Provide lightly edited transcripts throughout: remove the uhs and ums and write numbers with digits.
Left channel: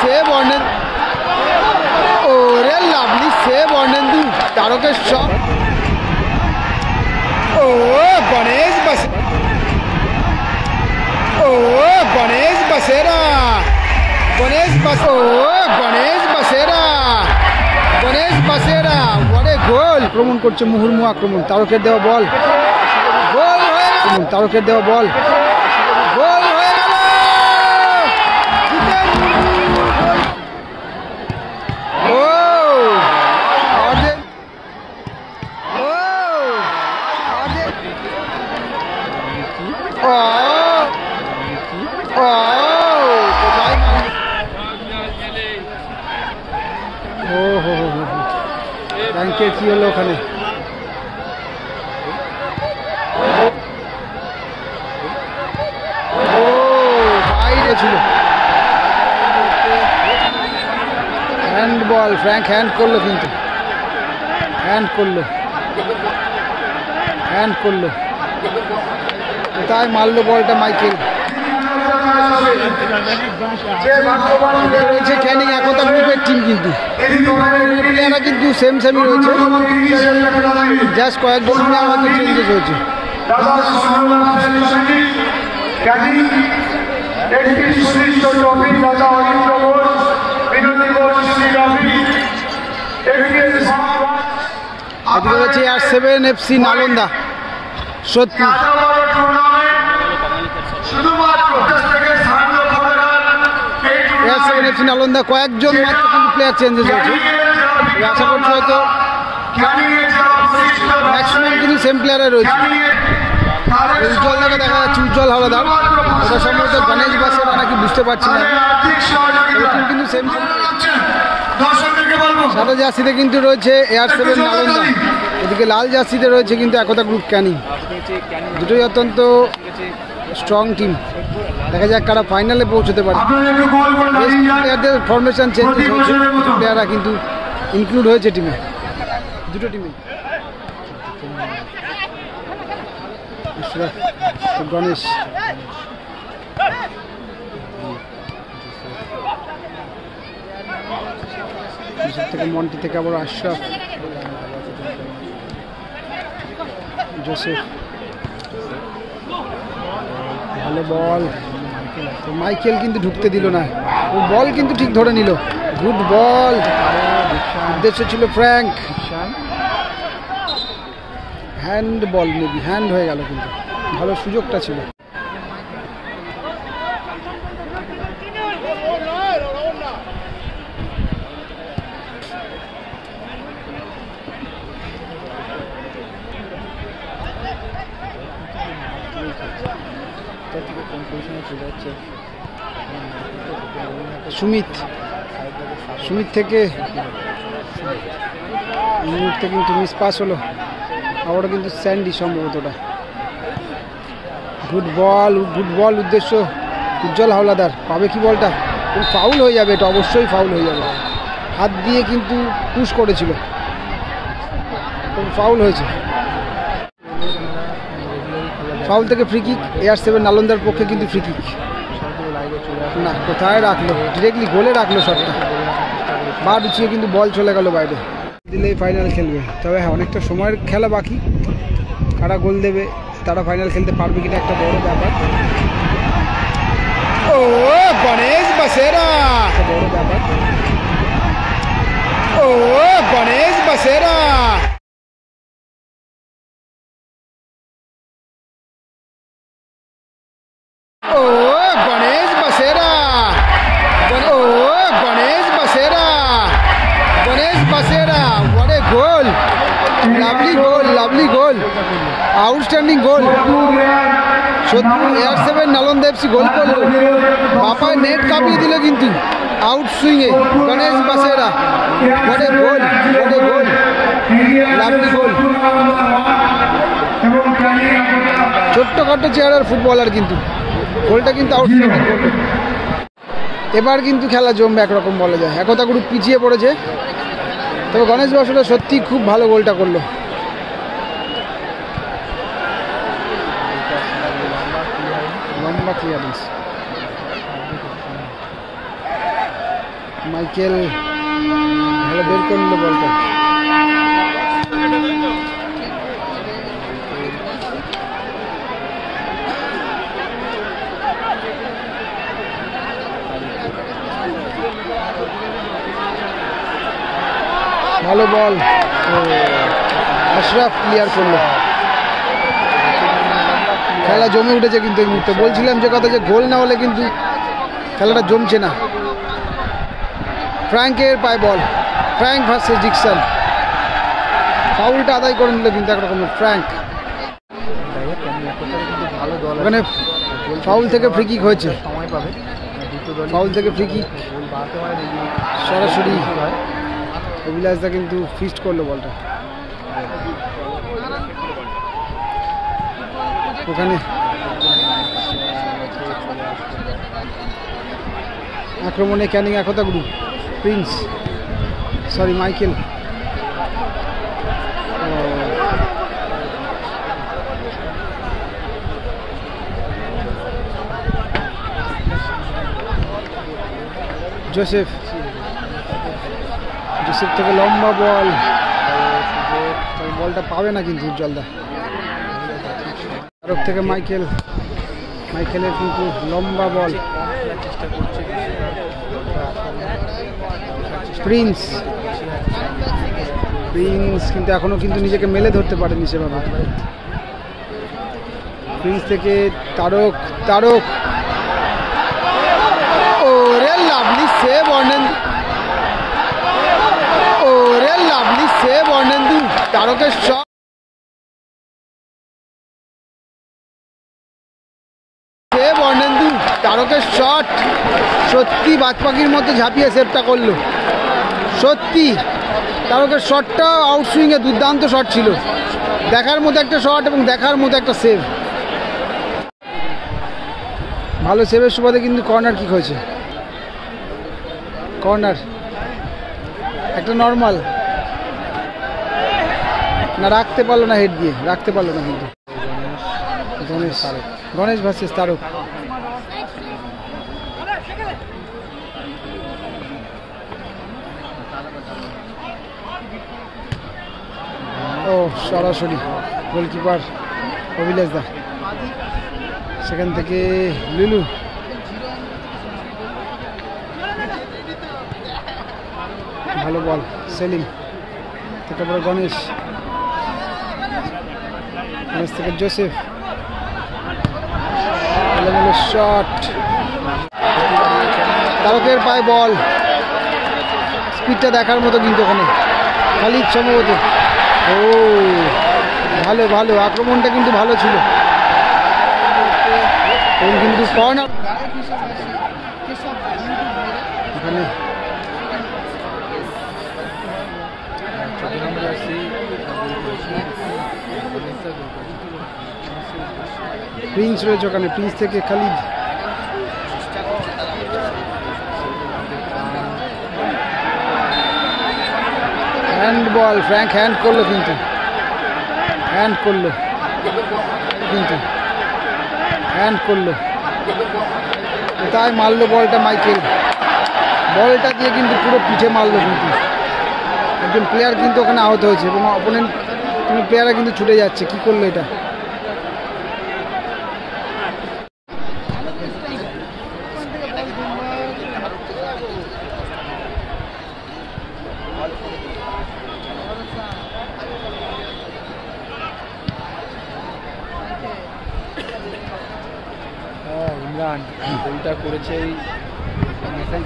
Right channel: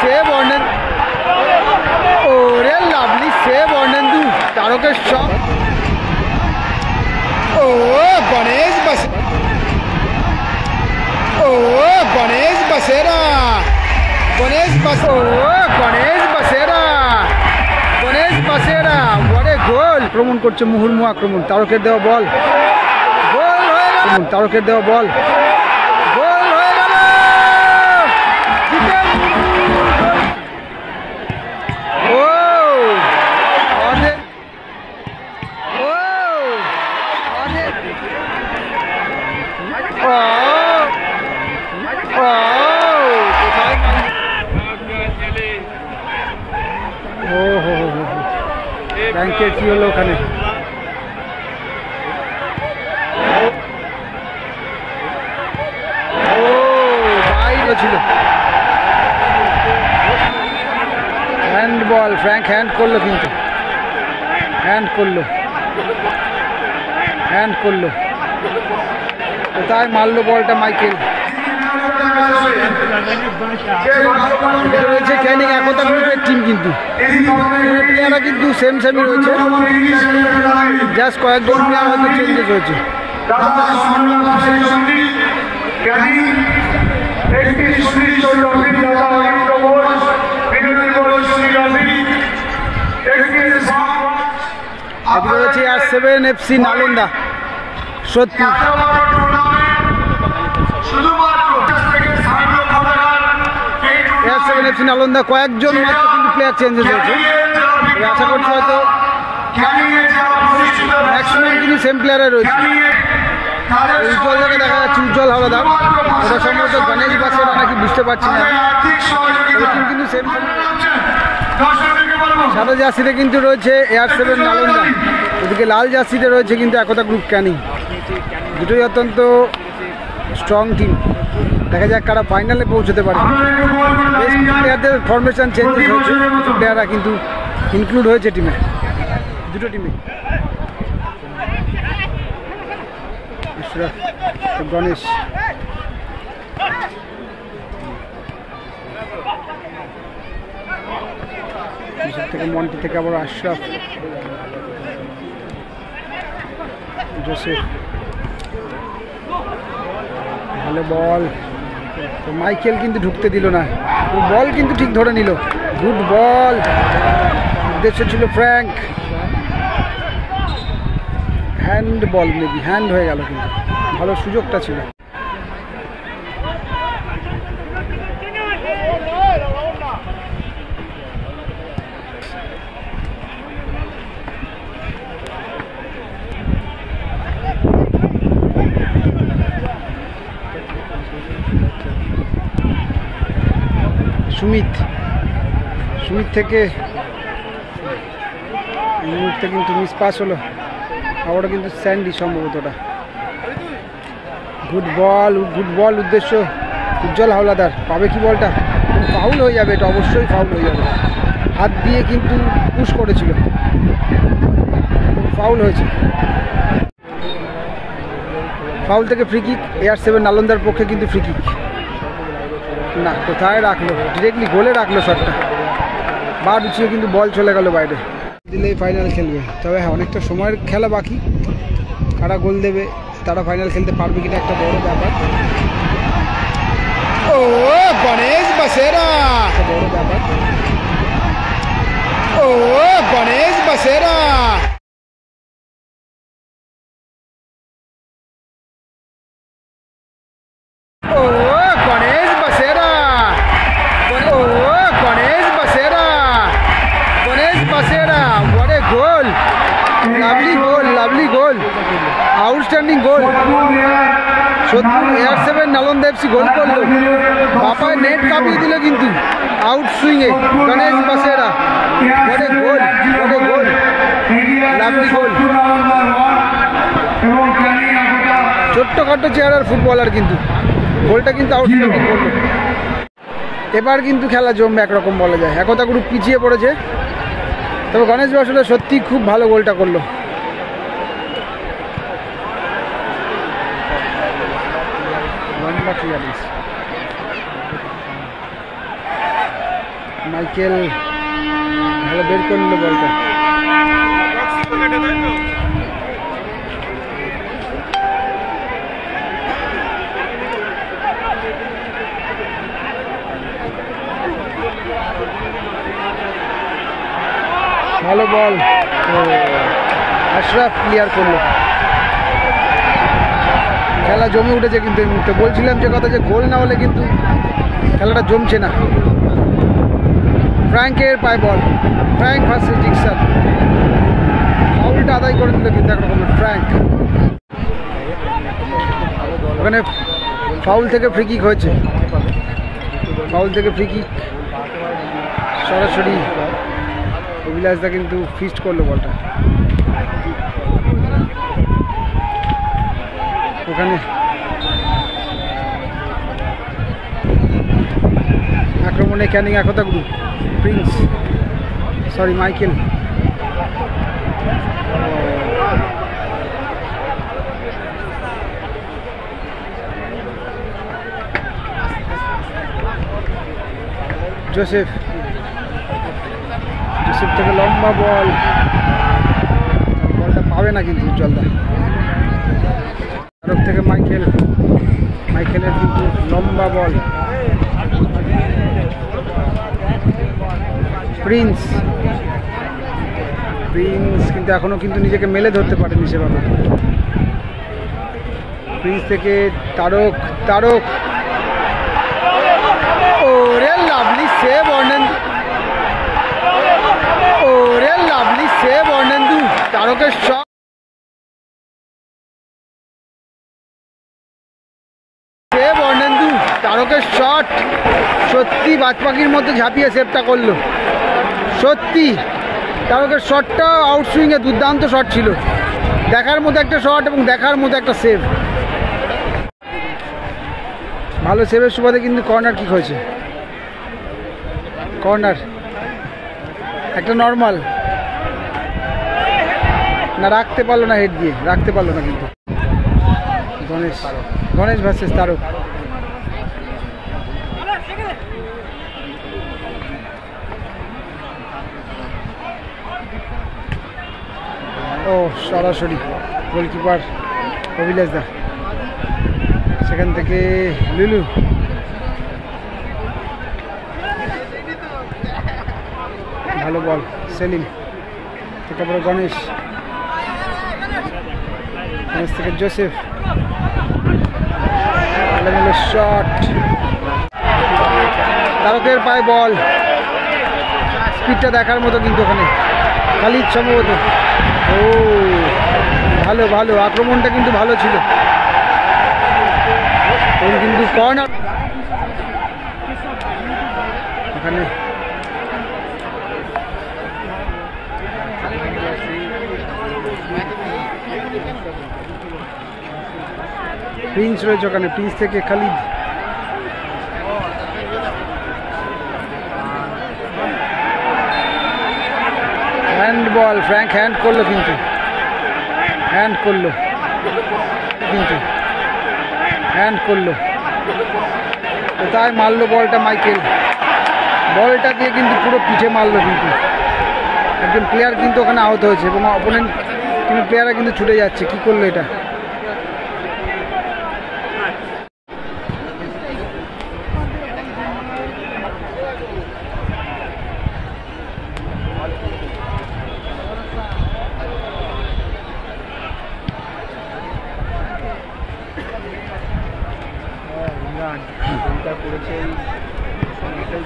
Save Arnendu, ওরে lovely save Arnendu, তারকের shot. ও গণেশ বাসে, ও গণেশ বাসেরা, গণেশ বাস, ও গণেশ বাসেরা, গণেশ বাসেরা, ওরে গোল। আক্রমণ করছে মুহুর্মুহু আক্রমণ, তারকের দেওয়া বল, গোল হয়ে গেল, তারকের দেওয়া বল, গোল হয়ে গেল। ও আরে, ও আরে, ও ও কোথায় মারল? ও হো হো হো, ব্যাংকের কি হলো ওখানে? ও বাইরে ছিল, হ্যান্ড বল। ফ্র্যাঙ্ক হ্যান্ড করলো, কিন্তু হ্যান্ড করলো, হ্যান্ড করলো। কোথায় মারলো বলটা মাইকেল? রয়েছে ক্যানিং একতা গ্রুপের টিম, কিন্তু প্লেয়াররা কিন্তু সেম সেমই রয়েছে, জাস্ট কয়েকজন প্লেয়ার হয়তো চেঞ্জেস হয়েছে। এদিকে রয়েছে আর7 FC নালন্দা সোদপুর। আর7 FC নালন্দা কয়েকজন মাত্র কিন্তু প্লেয়ার চেঞ্জেস হয়েছে, আশা করছি হয়তো ম্যাক্সিমাম কিন্তু সেম প্লেয়ারে রয়েছে। উজ্জ্বল থেকে দেখা যাচ্ছে উজ্জ্বল হাওলাদার, ওটা সম্ভবত গণেশ বাসেরা নাকি বুঝতে পারছি না, তবে টিম কিন্তু সেম সেম। সাদা জার্সিতে কিন্তু রয়েছে আর7 নালন্দা, ওদিকে লাল জার্সিতে রয়েছে কিন্তু একতা গ্রুপ ক্যানিং। দুটোই অত্যন্ত স্ট্রং টিম, দেখা যাক কারা ফাইনালে পৌঁছতে পারে। বেশ কিছু প্লেয়ারদের ফরমেশন চেঞ্জেস হয়েছে, কিছু প্লেয়াররা কিন্তু ইনক্লুড হয়েছে টিমে, দুটো টিমে। গণেশ থেকে, মন্টি থেকে আবার আশরাফ, জোসেফ, ভালো বল। তো মাইকেল কিন্তু ঢুকতে দিল না, ও বল কিন্তু ঠিক ধরে নিল, গুড বল। উদ্দেশ্য ছিল ফ্র্যাঙ্ক, হ্যান্ড বল, মেবি হ্যান্ড হয়ে গেল, কিন্তু ভালো সুযোগটা ছিল। সুমিত, সুমিত থেকে এই মুহূর্তে কিন্তু মিস পাস হলো, আবারও কিন্তু স্যান্ডি সম্ভবতটা। Good ball, good ball. উদ্দেশ্য উজ্জ্বল হাওলাদার, পাবে কি বলটা? ফাউল হয়ে যাবে, এটা অবশ্যই ফাউল হয়ে যাবে। হাত দিয়ে কিন্তু পুশ করেছিল, ফাউল হয়েছে। ফাউল থেকে ফ্রি কিক, আর7 নালন্দার পক্ষে কিন্তু ফ্রি কিক না, কোথায় রাখলো, ডিরেক্টলি গোলে রাখলো শটটা, বার উঁচিয়ে কিন্তু বল চলে গেল বাইরে। দিলেই ফাইনাল খেলবে, তবে হ্যাঁ অনেকটা সময়ের খেলা বাকি, কারা গোল দেবে তারা ফাইনাল খেলতে পারবে কিনা একটা বড় ব্যাপার। ও গণেশ বাসেরা, বড় ব্যাপার। ও গণেশ বাসেরা, ও গণেশ বাসেরা, ও গণেশ বাসেরা, গণেশ বাসেরা, what a goal, lovely goal, lovely goal, outstanding goal। Sodepur আর7 Nalanda FC গোল করলো, বাপায় নেট কাঁপিয়ে দিল কিন্তু আউট সুইংয়ে গণেশ বাসেরা, what a goal, what a goal, lovely goal। ছোট্টখাটো চেহারার ফুটবলার, কিন্তু গোলটা কিন্তু আউটস্ট্যান্ডিং করলো। এবার কিন্তু খেলা জমবে একরকম বলা যায়, একতা গ্রুপ পিছিয়ে পড়েছে, তবে গণেশ বাসুরা সত্যি খুব ভালো গোলটা করলো। লম্বা ক্লিয়ারেন্স, মাইকেল ভালো বের করে নিল বলটা। ভালো বল, আশরাফ ক্লিয়ার করলো। খেলা জমে উঠেছে কিন্তু এই মুহূর্তে, বলছিলাম যে কথা যে গোল না হলে কিন্তু খেলাটা জমছে না। ফ্র্যাঙ্কের পায়ে বল, ফ্র্যাঙ্ক ভার্সেস ডিকসন। ফাউলটা আদায় করে নিল কিন্তু একরকমের ফ্র্যাঙ্ক। ওখানে ফাউল থেকে ফ্রি কিক হয়েছে, ফাউল থেকে ফ্রি কিক সরাসরি অভিলাষদা কিন্তু ফিস্ট করলো বলটা। ওখানে আক্রমণে Canning Ekta group, Prince sorry Michael. Joseph, Joseph থেকে লম্বা বল, বলটা পাবে না কিন্তু উজ্জ্বলদা। তারক থেকে মাইকেল, মাইকেলের কিন্তু লম্বা বল। প্রিন্স, প্রিন্স কিন্তু এখনো কিন্তু নিজেকে মেলে ধরতে পারেনি সেভাবে। প্রিন্স থেকে তারক, তারক ওরে লাভলি সেভ অর্ণেন্দু, ওরে লাভলি সেভ অর্ণেন্দু। তারকের শট, সেভ অর্ণেন্দু, তারকের শট সত্যি বাজপাখির মতো ঝাঁপিয়ে সেভটা করলো। সত্যি তারকের শটটা আউটসুইংয়ে দুর্দান্ত শট ছিল, দেখার মতো একটা শট এবং দেখার মতো একটা সেভ। ভালো সেভের সুবাদে কিন্তু কর্নার কিক হয়েছে, কর্নার একটা নর্মাল না, রাখতে পারলো না, হেড দিয়ে রাখতে পারলো না কিন্তু। গণেশ, গণেশ ভার্সেস তারক। ও সরাসরি গোলকিপার অভিলাষদা, সেখান থেকে লুলু, ভালো বল সেলিম থেকে পরে গণেশ, গণেশ থেকে জোসেফ, শট তারকের পায়ে বল, স্পিডটা দেখার মতো কিন্তু ওখানে খালিদ সম্ভবত। ও ভালো ভালো আক্রমণটা কিন্তু ভালো ছিল এবং কিন্তু কর্নার ওখানে প্রিন্স রয়েছে, ওখানে প্রিন্স থেকে খালিদ, হ্যান্ড বল, ফ্র্যাঙ্ক হ্যান্ড করলো কিন্তু, হ্যান্ড করলো কিন্তু, হ্যান্ড করলো কোথায় মারলো বলটা মাইকেল, বলটা দিয়ে কিন্তু পুরো পিঠে মারলো কিন্তু একজন প্লেয়ার কিন্তু ওখানে আহত হয়েছে এবং অপোনেন্ট টিমের প্লেয়াররা কিন্তু ছুটে যাচ্ছে। কি করলো এটা? গোলটা করেছে এই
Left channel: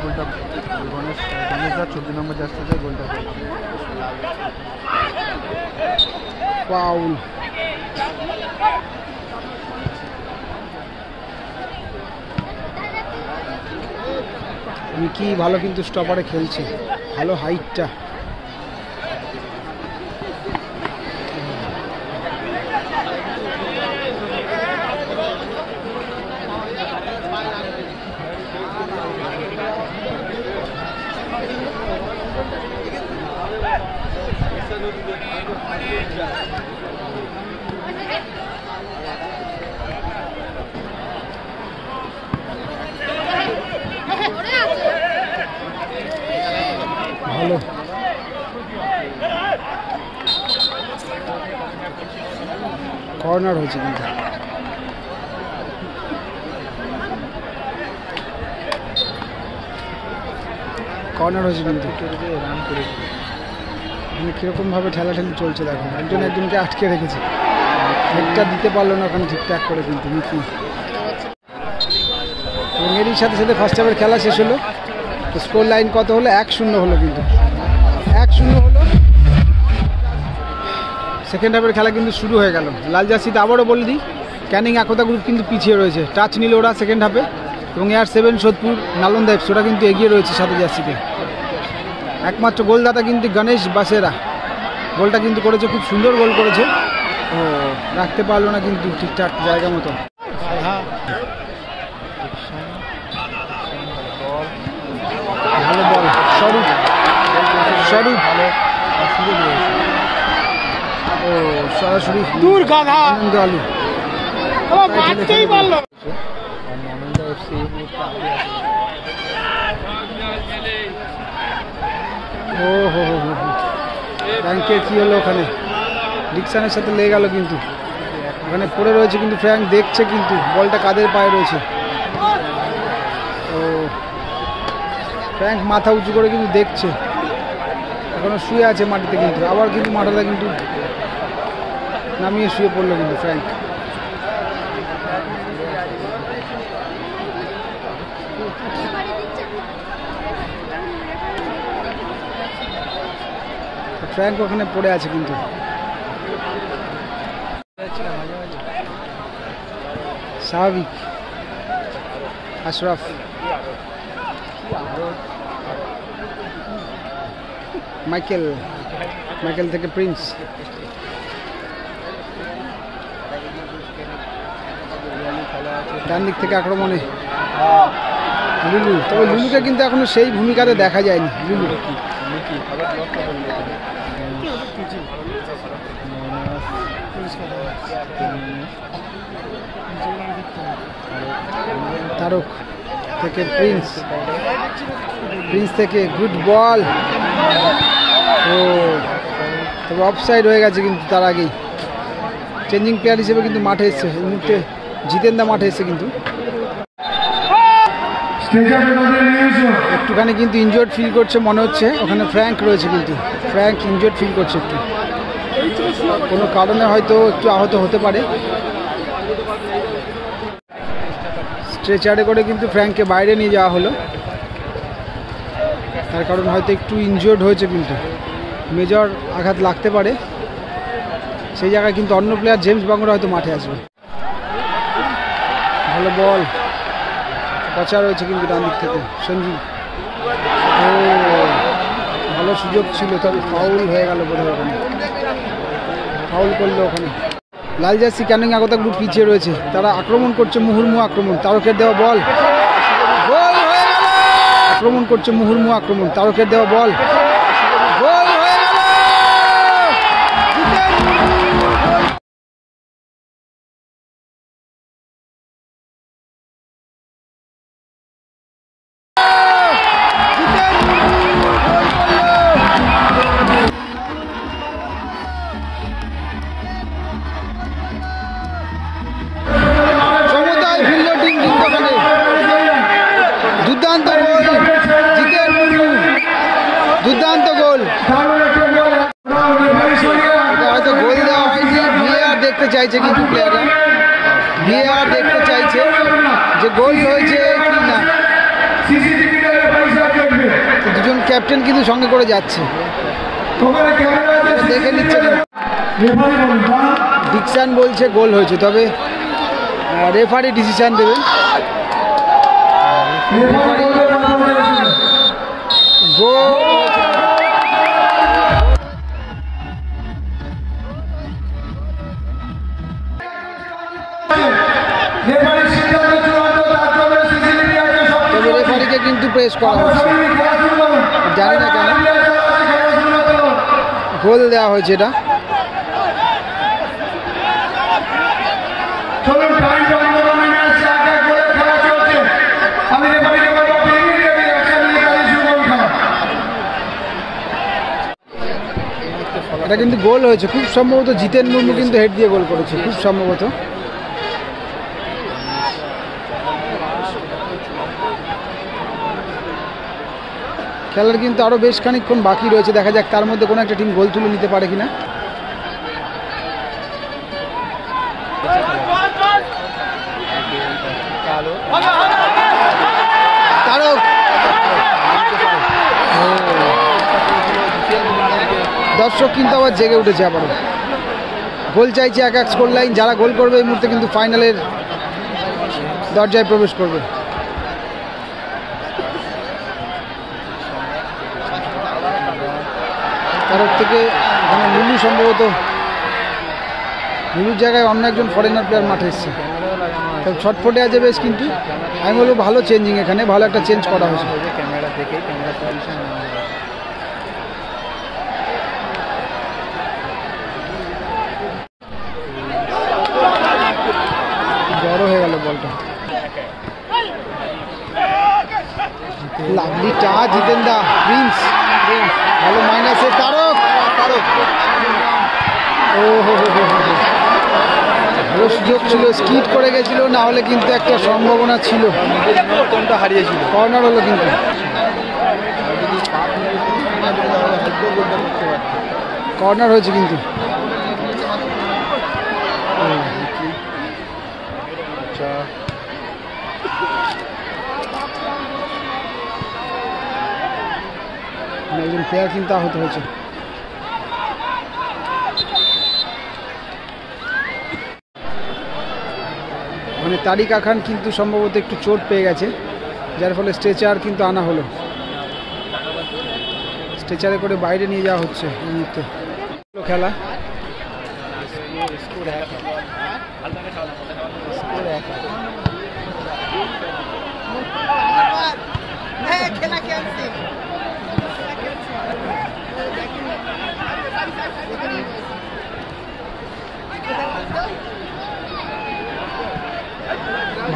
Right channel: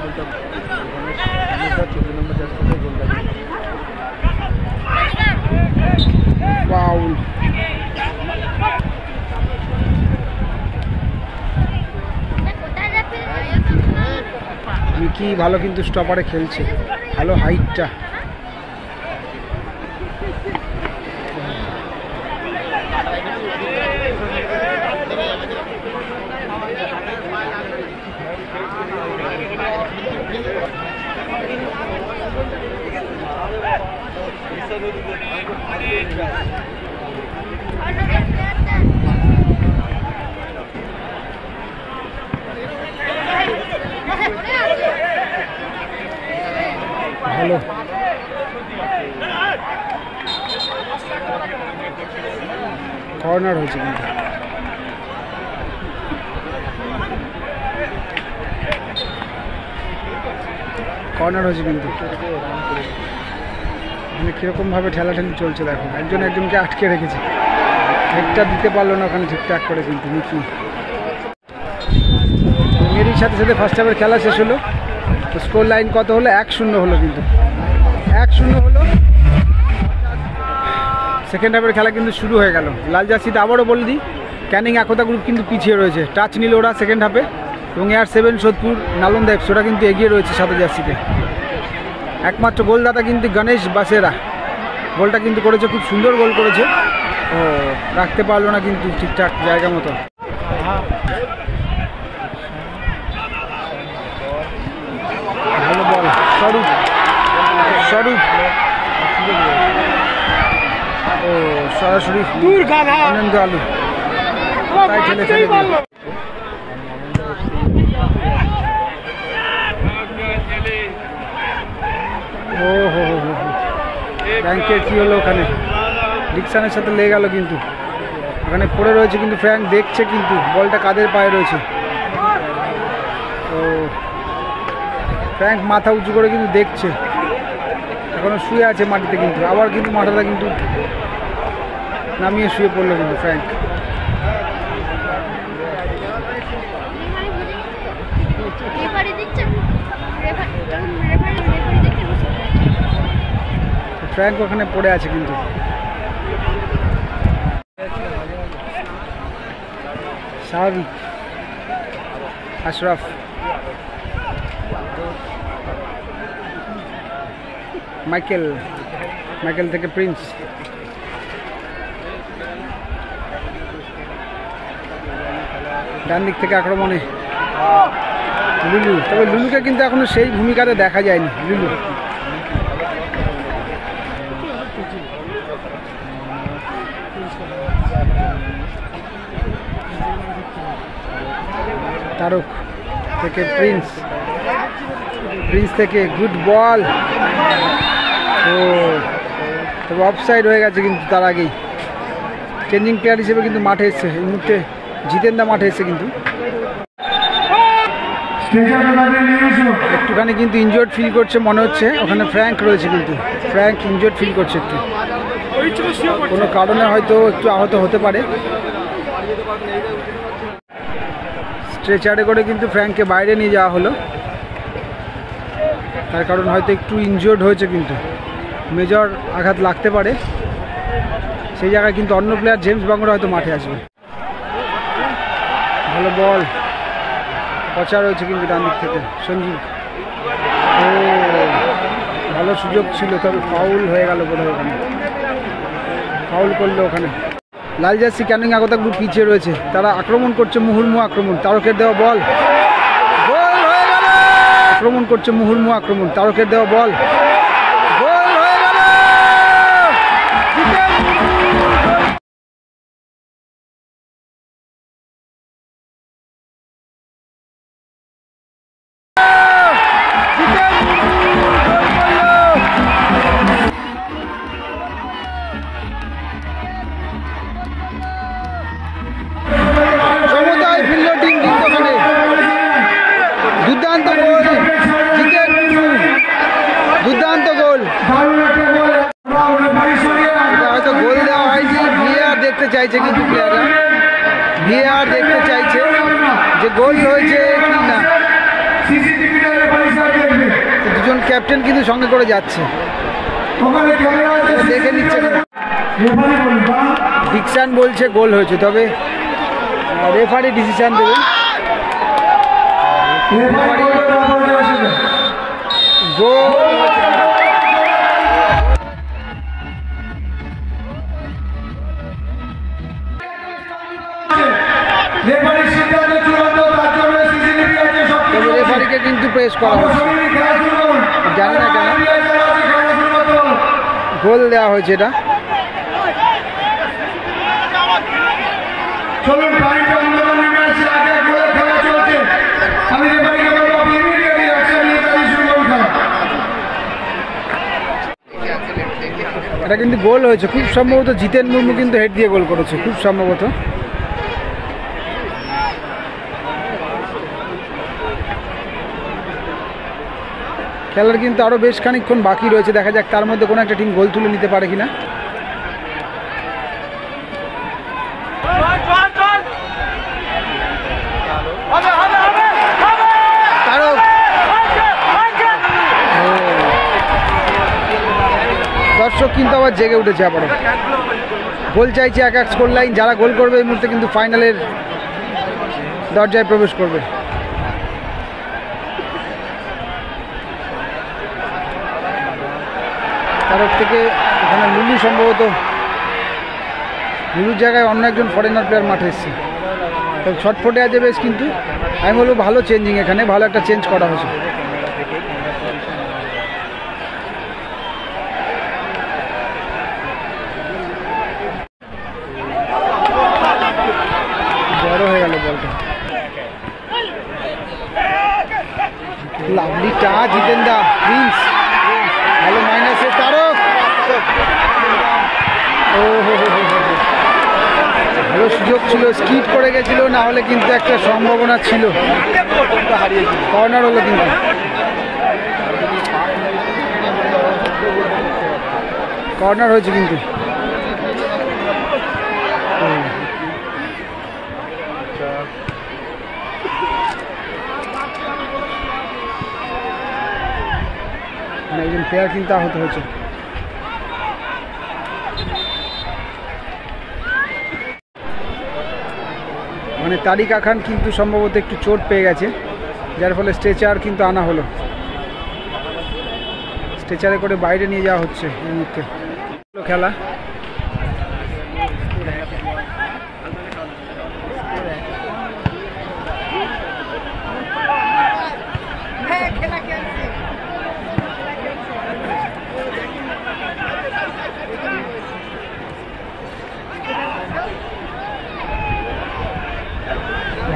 গোলটা 14 নম্বর জার্সিতে গোলটা ফাউল। মিকি ভালো কিন্তু স্টপারে খেলছে, ভালো হাইটটা। কর্নার হয়েছে কিন্তু। কর্নার হয়েছে কিন্তু। এখানে কীরকমভাবে ঠেলাঠেলি চলছে দেখো, একজন একজনকে আটকে রেখেছে, হেডটা দিতে পারলো না ওখানে ঠিকঠাক করে কিন্তু মিকি। এবং এরই সাথে সাথে ফার্স্ট হাফের খেলা শেষ হলো। তো স্কোর লাইন কত হলো? 1-0 হলো কিন্তু, 1-0 হলো। সেকেন্ড হাফের খেলা কিন্তু শুরু হয়ে গেল। লাল জার্সিতে আবারও বলে দিই, ক্যানিং একতা গ্রুপ কিন্তু পিছিয়ে রয়েছে, টাচ নিল ওরা সেকেন্ড হাফে। এবং AR7 সোদপুর নালন্দা এফসি ওরা কিন্তু এগিয়ে রয়েছে সাদা জার্সিতে। একমাত্র গোলদাতা কিন্তু গণেশ বাসেরা, গোলটা কিন্তু করেছে, খুব সুন্দর গোল করেছে। ও রাখতে পারলো না কিন্তু ঠিকঠাক জায়গা মতো। ভালো বল স্বরূপ, স্বরূপ ও সরাসরি আনন্দ আলু তাই ঠেলে ফেলে দিল। ও হো হো হো, ফ্র্যাঙ্কের কী হলো ওখানে? ডিকসনের সাথে লেগে গেল কিন্তু, ওখানে পড়ে রয়েছে কিন্তু ফ্র্যাঙ্ক দেখছে কিন্তু বলটা কাদের পায়ে রয়েছে। ও ফ্র্যাঙ্ক মাথা উঁচু করে কিন্তু দেখছে, এখনো শুয়ে আছে মাটিতে কিন্তু, আবার কিন্তু মাথাটা কিন্তু নামিয়ে শুয়ে পড়লো কিন্তু ফ্র্যাঙ্ক। ফ্র্যাঙ্ক ওখানে পড়ে আছে কিন্তু। স্বাভাবিক। আশরাফ, মাইকেল, মাইকেল থেকে প্রিন্স, ডান দিক থেকে আক্রমণে লুলু। তবে লুলুকে কিন্তু এখনো সেই ভূমিকাতে দেখা যায়নি। লুলু তারক থেকে প্রিন্স, প্রিন্স থেকে গুড বল। ও তবে অফসাইড হয়ে গেছে কিন্তু তার আগেই। চেঞ্জিং প্লেয়ার হিসেবে কিন্তু মাঠে এসছে এই মুহূর্তে, জিতেন্দা মাঠে এসছে কিন্তু। একটুখানি কিন্তু ইনজোর্ড ফিল করছে মনে হচ্ছে, ওখানে ফ্র্যাঙ্ক রয়েছে কিন্তু, ফ্র্যাঙ্ক ইনজোর্ড ফিল করছে একটু, কোনো কারণে হয়তো একটু আহত হতে পারে। স্ট্রেচারে করে কিন্তু ফ্র্যাঙ্ককে বাইরে নিয়ে যাওয়া হলো, তার কারণ হয়তো একটু ইনজোর্ড হয়েছে কিন্তু, মেজর আঘাত লাগতে পারে। সেই জায়গায় কিন্তু অন্য প্লেয়ার জেমস বাংরা হয়তো মাঠে আসবে। ভালো বল, পচা রয়েছে কিন্তু ডান দিক থেকে সঞ্জীব। ও ভালো সুযোগ ছিল, তবে ফাউল হয়ে গেল বোধহয়, ওখানে ফাউল করলো ওখানে। লাল জার্সি ক্যানিং একতা গ্রুপ পিছিয়ে রয়েছে, তারা আক্রমণ করছে, মুহুর্মুহু আক্রমণ, তারকের দেওয়া বল, গোল হয়ে গেল। আক্রমণ করছে মুহুর্মুহু আক্রমণ, তারকের দেওয়া বল, গোল হয়ে গেল। সমতায় ফিরল টিম কিন্তু ওখানে, দুর্দান্ত গোল জিতেন মুর্মু, দুর্দান্ত গোল। এটা হয়তো গোল দেওয়া হয়নি, VAR দেখতে চাইছে কিন্তু প্লেয়াররা, VAR দেখতে চাইছে যে গোল হয়েছে কি না। দুজন ক্যাপ্টেন কিন্তু সঙ্গে করে যাচ্ছে, দেখে নিচ্ছে। ডিকসন বলছে গোল হয়েছে, তবে রেফারি ডিসিশন দেবেন। গোল তবে রেফারিকে কিন্তু প্রেস করা হচ্ছে, জানি না কেন গোল দেওয়া হয়েছে এটা। এটা কিন্তু গোল হয়েছে, খুব সম্ভবত জিতেন মুর্মু কিন্তু হেড দিয়ে গোল করেছে, খুব সম্ভবত। খেলার কিন্তু আরও বেশ খানিকক্ষণ বাকি রয়েছে, দেখা যাক তার মধ্যে কোনো একটা টিম গোল তুলে নিতে পারে কিনা। তারক দর্শক কিন্তু আবার জেগে উঠেছে, আবারও গোল চাইছে এক এক স্কোর লাইন। যারা গোল করবে এই মুহূর্তে কিন্তু ফাইনালের দরজায় প্রবেশ করবে। তারক থেকে এখানে লুলু, সম্ভবত লুলুর জায়গায় অন্য একজন ফরেনার প্লেয়ার মাঠে এসছে, তবে ছটফটে আছে বেশ। কিন্তু আমি বলবো ভালো চেঞ্জিং, এখানে ভালো একটা চেঞ্জ করা হয়েছে। বড় হয়ে গেল বলটা, লাভলি টাচ, জিতেন দা প্রিন্স, ভালো মাইনাসে তারক। ও হো হো হো হো, ভালো সুযোগ ছিল, স্কিড করে গেছিল, না হলে কিন্তু একটা সম্ভাবনা ছিল। কর্নার হলো কিন্তু, কর্নার হয়েছে কিন্তু। একজন প্লেয়ার কিন্তু আহত হয়েছে। মানে তারিক খান কিন্তু সম্ভবত একটু চোট পেয়ে গেছে, যার ফলে স্ট্রেচার কিন্তু আনা হলো, স্ট্রেচারে করে বাইরে নিয়ে যাওয়া হচ্ছে এই মুহূর্তে। খেলা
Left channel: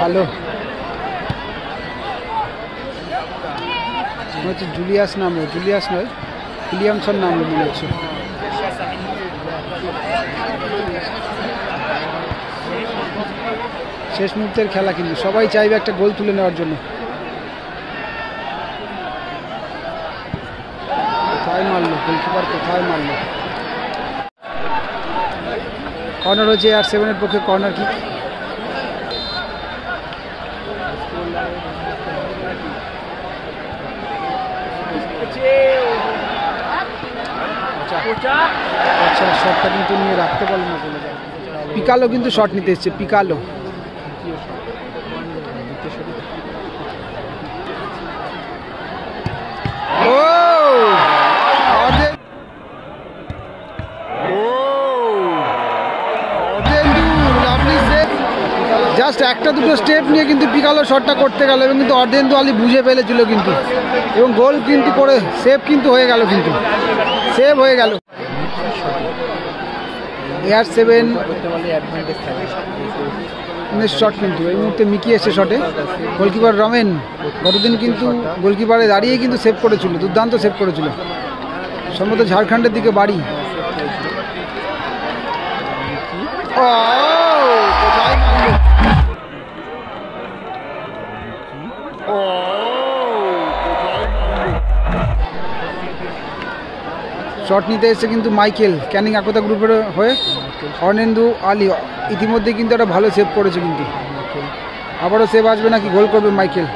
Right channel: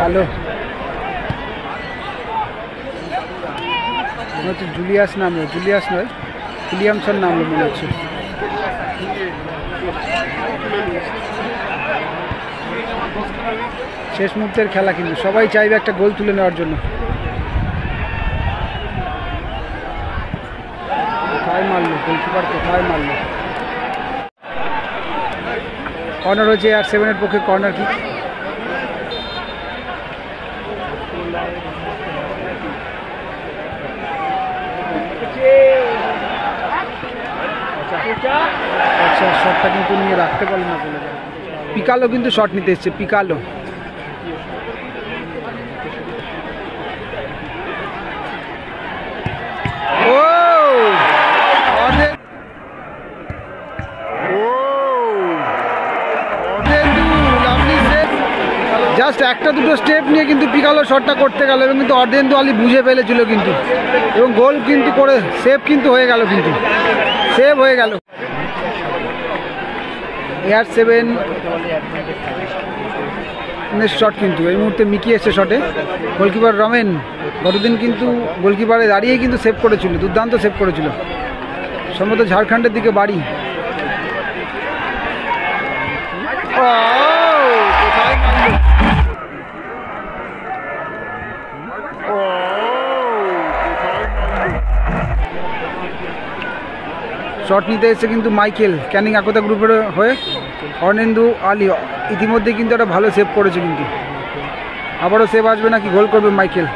ভালো মনে হচ্ছে, জুলিয়াস নামলো, জুলিয়াস নয় উইলিয়ামসন নামলো মনে হচ্ছে। শেষ মুহূর্তের খেলা কিন্তু, সবাই চাইবে একটা গোল তুলে নেওয়ার জন্য। কোথায় মারলো গোলকিপার, কোথায় মারলো। কর্নার হয়েছে আর7-এর পক্ষে, কর্নার কিক। আচ্ছা, শটটা কিন্তু নিয়ে রাখতে পারলো না বলে যায়। পিকালো কিন্তু শট নিতে এসছে, পিকালো। ও জাস্ট একটা দুটো স্টেপ নিয়ে কিন্তু পিকালো শটটা করতে গেল, এবং কিন্তু অর্ধেন্দু আলী বুঝে ফেলেছিল কিন্তু, এবং গোল কিন্তু করে সেভ কিন্তু হয়ে গেল, কিন্তু সেভ হয়ে গেল। AR7 শট কিন্তু এই মুহূর্তে মিকি এসছে শটে। গোলকিপার রমেন গতদিন কিন্তু গোলকিপারে দাঁড়িয়ে কিন্তু সেভ করেছিল, দুর্দান্ত সেভ করেছিল, সম্ভবত ঝাড়খণ্ডের দিকে বাড়ি। কোথায় মারল, শট নিতে এসেছে কিন্তু মাইকেল, ক্যানিং আকতা গ্রুপের হয়ে। অর্ধেন্দু আলী ইতিমধ্যে কিন্তু একটা ভালো সেভ করেছে, কিন্তু আবারও সেভ আসবে নাকি গোল করবে মাইকেল।